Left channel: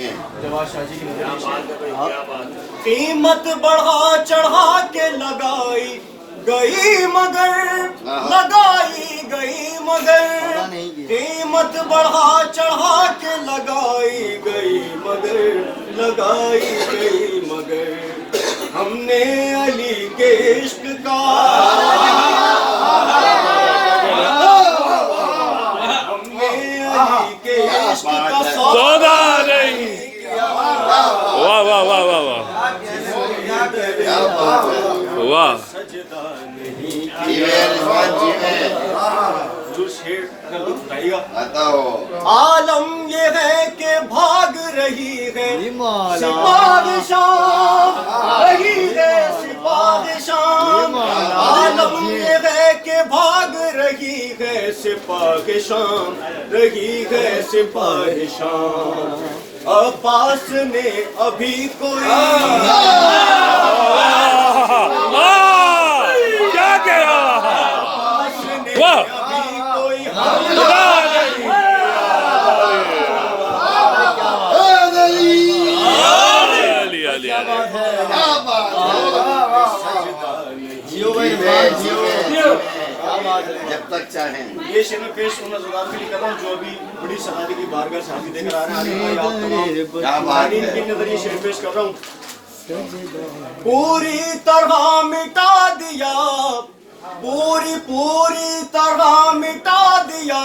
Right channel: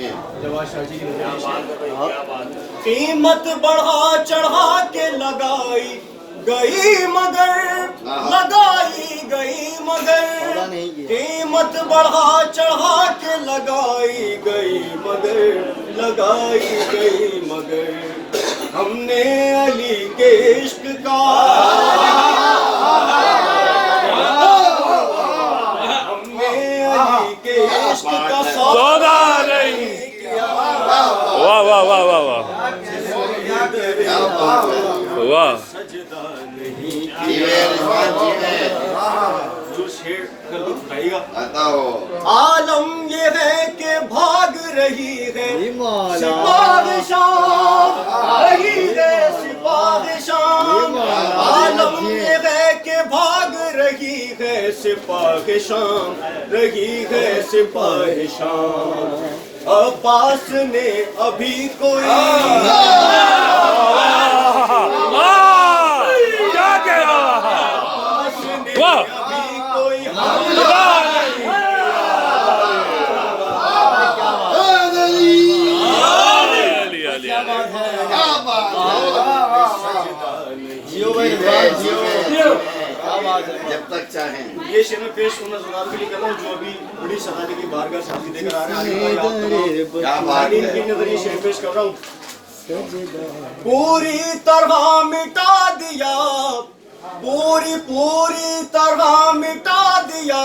जवाद शाह जी की कीमत बढ़ा चढ़ा के लगाई गई मगर कीमत बढ़ा चढ़ा के लगाई गई मगर हमने अली के इश्क का सौदा नहीं किया। वाह वाह वाह वाह वाह वाह। सजदा नहीं किया। जो शेर का लुत्फ उठाएगा। आलम ये है कि भाग रही है सिपाहिशां। आलम ये है कि भाग रही है सिपाहिशां। अब्बास ने अभी कोई क्या कह रहा है? वाह जब तक चाहें। ये शेर में पेश होना ज़रूर के लिए कर रहा हूँ, जो अभी बड़ी शहादत की बारगाह से हाजिर देकर आ रहे हैं। इनके नजरिए शेर पेश कर रहा हूँ। पूरी तरह मिटा दिया, पूरी तरह मिटा दिया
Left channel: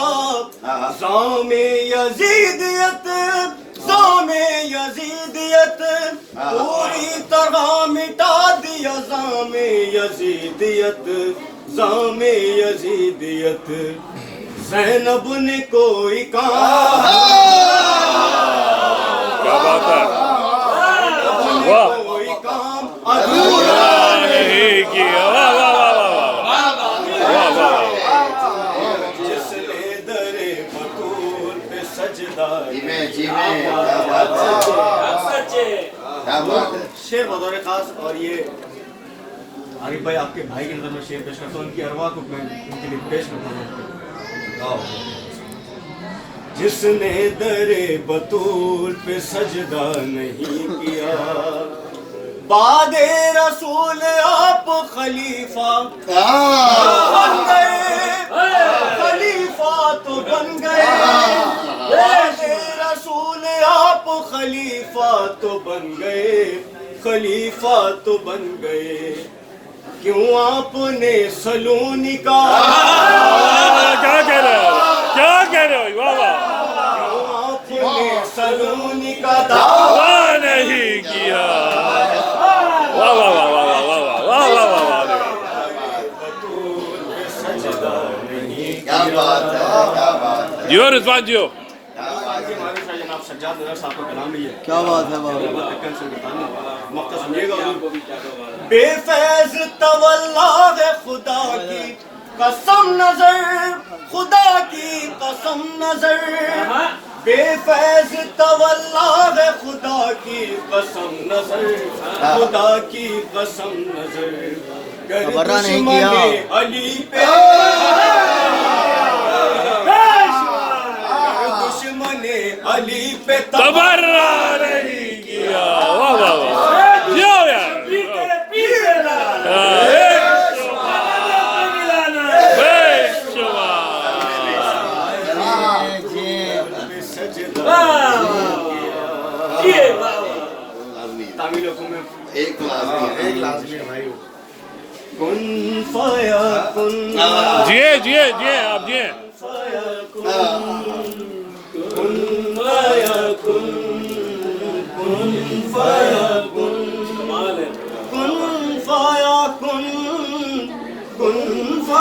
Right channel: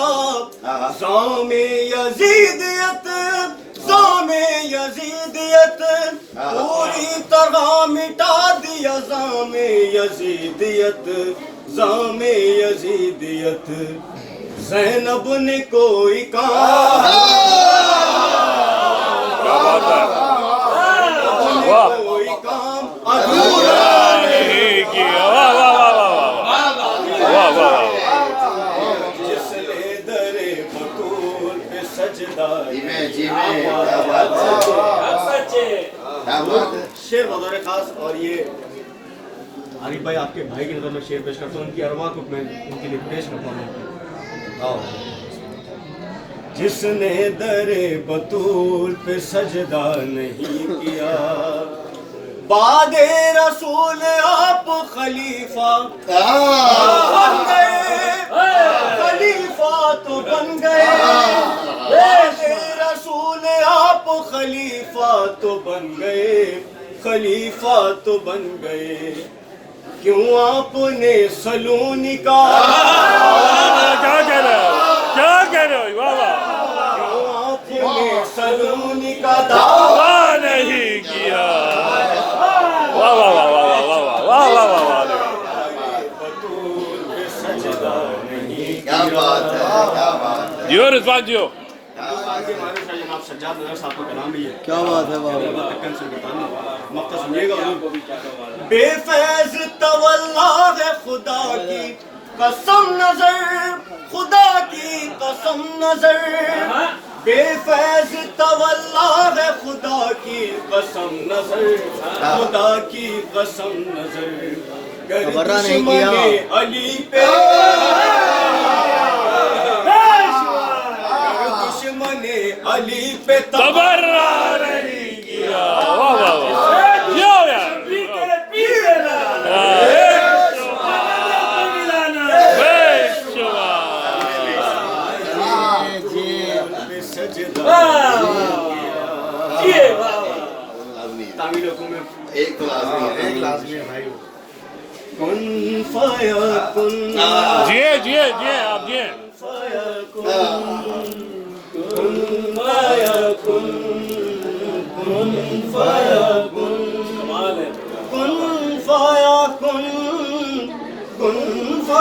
ज़ामे यज़ीदियत। पूरी तरह मिटा दिया ज़ामे यज़ीदियत। ज़ैनब ने कोई काम अधूरा नहीं किया। वाह वाह वाह वाह वाह वाह। जिसने दरे बतूल पे सजदा। शेर बतौर खास, और ये आरिफ भाई आपके भाई की नजर में शेर पेश करता हूँ। उनकी अरवा को मैं उनके लिए पेश करता हूँ। जिसने दरे बतूल पे सजदा नहीं किया, बादे रसूल आप खलीफा तो बन गए। बादे रसूल आप खलीफा तो बन गए। क्यों आपने सलूनी का क्या कह रहे हो? वाह वाह। क्यों आपने सलूनी का दावा नहीं किया। वाह वाह वाह वाह वाह वाह वाह वाह वाह वाह। क्या बात है। जियो रिजवान जियो। जनाब सज्जाद नजर साहब का कलाम भी है। क्या बात है मक्ता सुनिएगा। बेफैज तवल्ला है खुदा की कसम नजर, बेफैज तवल्ला है खुदा की कसम नजर। गर दुश्मने अली पे तबर्रा नहीं किया। वाह वाह वाह। जियो यार। एक लाज़मी भाई। कुन फाया कुन। जिए आप जिए। कुन फाया कुन